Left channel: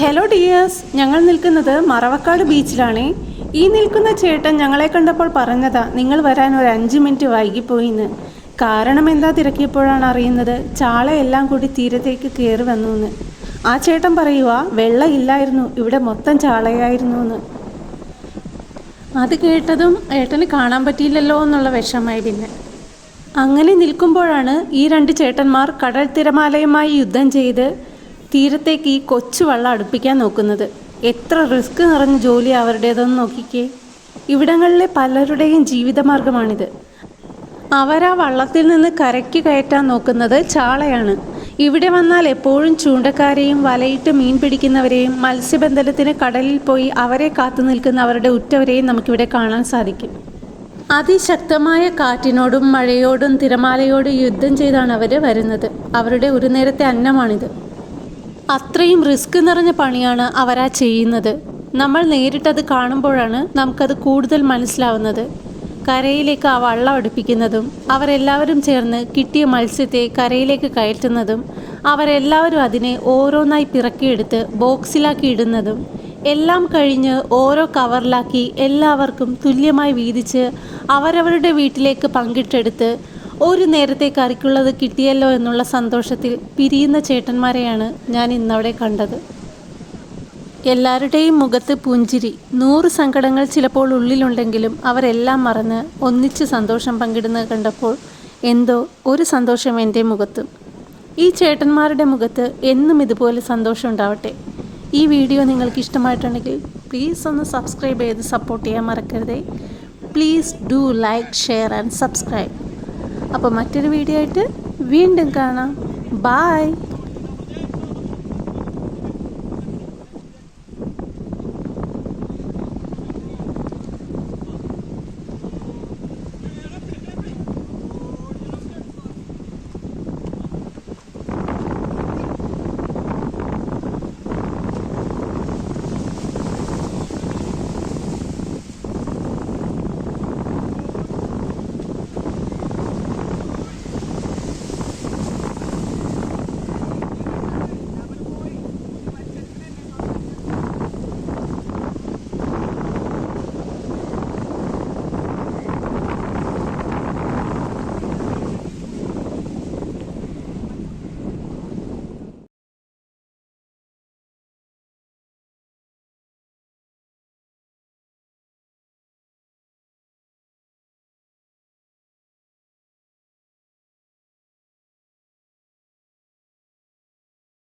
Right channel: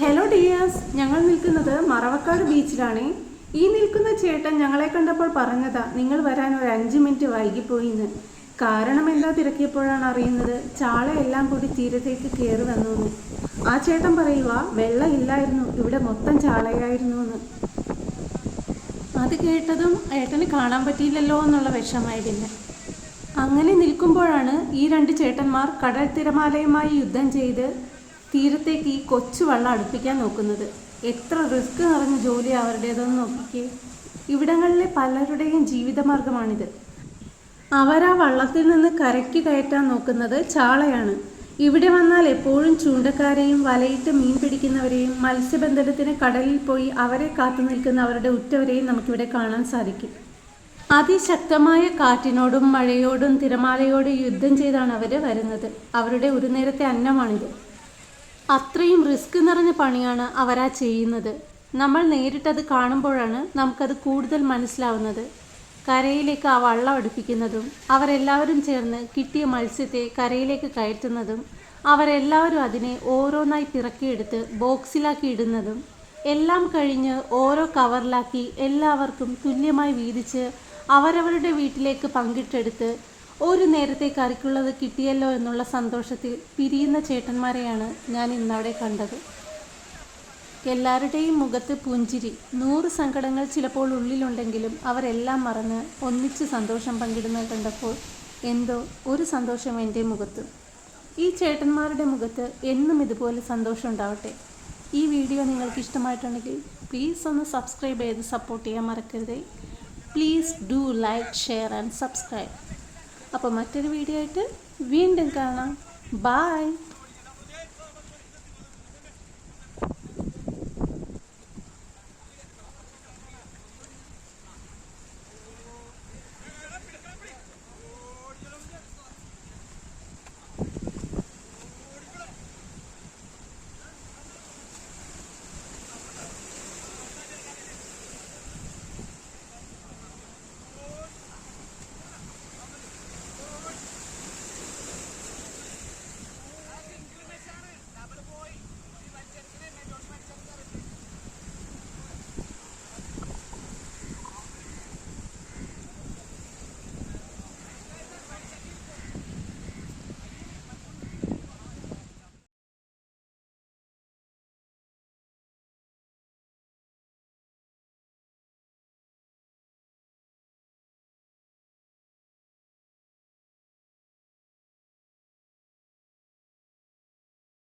Hello dears, ഞങ്ങൾ നിൽക്കുന്നത് മറവക്കാട് ബീച്ചിലാണ്. ഈ നിൽക്കുന്ന ചേട്ടൻ ഞങ്ങളെ കണ്ടപ്പോൾ പറഞ്ഞതാ നിങ്ങൾ വരാൻ ഒരു 5 മിനിറ്റ് വൈകിപ്പോയിന്ന്. കാരണം എന്താ തിരക്കിയപ്പോഴാണ് അറിയുന്നത് ചാളയെല്ലാം കൂടി തീരത്തേക്ക് കയറി വന്നു എന്ന്. ആ ചേട്ടൻ പറയുക വെള്ളം ഇല്ലായിരുന്നു, ഇവിടെ മൊത്തം ചാളയായിരുന്നു എന്ന്. അത് കേട്ടതും ഏട്ടന് കാണാൻ പറ്റിയില്ലല്ലോ എന്നുള്ള വിഷമായി. പിന്നെ അങ്ങനെ നിൽക്കുമ്പോഴാണ് ഈ 2 ചേട്ടന്മാർ കടൽ തിരമാലയുമായി യുദ്ധം ചെയ്ത് തീരത്തേക്ക് ഈ കൊച്ചു വള്ളം അടുപ്പിക്കാൻ നോക്കുന്നത്. എത്ര റിസ്ക് നിറഞ്ഞ ജോലി അവരുടേതെന്ന് നോക്കിക്കേ. ഇവിടങ്ങളിലെ പലരുടെയും ജീവിതമാർഗമാണിത്. അവരാ വള്ളത്തിൽ നിന്ന് കരയ്ക്ക് കയറ്റാൻ നോക്കുന്നത് ചാളയാണ്. ഇവിടെ വന്നാൽ എപ്പോഴും ചൂണ്ടക്കാരെയും വലയിട്ട് മീൻ പിടിക്കുന്നവരെയും മത്സ്യബന്ധനത്തിന് കടലിൽ പോയി അവരെ കാത്തു നിൽക്കുന്ന അവരുടെ ഉറ്റവരെയും നമുക്കിവിടെ കാണാൻ സാധിക്കും. അതിശക്തമായ കാറ്റിനോടും മഴയോടും തിരമാലയോടും യുദ്ധം ചെയ്താണ് അവർ വരുന്നത്. അവരുടെ ഒരു നേരത്തെ അന്നമാണിത്. അത്രയും റിസ്ക് നിറഞ്ഞ പണിയാണ് അവരാ ചെയ്യുന്നത്. നമ്മൾ നേരിട്ടത് കാണുമ്പോഴാണ് നമുക്കത് കൂടുതൽ മനസ്സിലാവുന്നത്. കരയിലേക്ക് ആ വള്ളം അടുപ്പിക്കുന്നതും അവരെല്ലാവരും ചേർന്ന് കിട്ടിയ മത്സ്യത്തെ കരയിലേക്ക് കയറ്റുന്നതും അവരെല്ലാവരും അതിനെ ഓരോന്നായി പിറക്കിയെടുത്ത് ബോക്സിലാക്കി ഇടുന്നതും എല്ലാം കഴിഞ്ഞ് ഓരോ കവറിലാക്കി എല്ലാവർക്കും തുല്യമായി വീതിച്ച് അവരവരുടെ വീട്ടിലേക്ക് പങ്കിട്ടെടുത്ത് ഒരു നേരത്തെ കറിക്കുള്ളത് കിട്ടിയല്ലോ എന്നുള്ള സന്തോഷത്തിൽ പിരിയുന്ന ചേട്ടന്മാരെയാണ് ഞാൻ ഇന്നവിടെ കണ്ടത്. എല്ലാവരുടെയും മുഖത്ത് പുഞ്ചിരി. 100 സങ്കടങ്ങൾ ചിലപ്പോൾ ഉള്ളിലുണ്ടെങ്കിലും അവരെല്ലാം മറന്ന് ഒന്നിച്ച് സന്തോഷം പങ്കിടുന്നത് കണ്ടപ്പോൾ എന്തോ ഒരു സന്തോഷം എൻ്റെ മുഖത്തും. ഈ ചേട്ടന്മാരുടെ മുഖത്ത് എന്നും ഇതുപോലെ സന്തോഷം ഉണ്ടാവട്ടെ. ഈ വീഡിയോ നിങ്ങൾക്ക് ഇഷ്ടമായിട്ടുണ്ടെങ്കിൽ പ്ലീസ് ഒന്ന് സബ്സ്ക്രൈബ് ചെയ്ത് സപ്പോർട്ട് ചെയ്യാൻ മറക്കരുതേ. Please do like, share and subscribe. അപ്പോൾ മറ്റൊരു വീഡിയോ ആയിട്ട് വീണ്ടും കാണാം. ബൈ.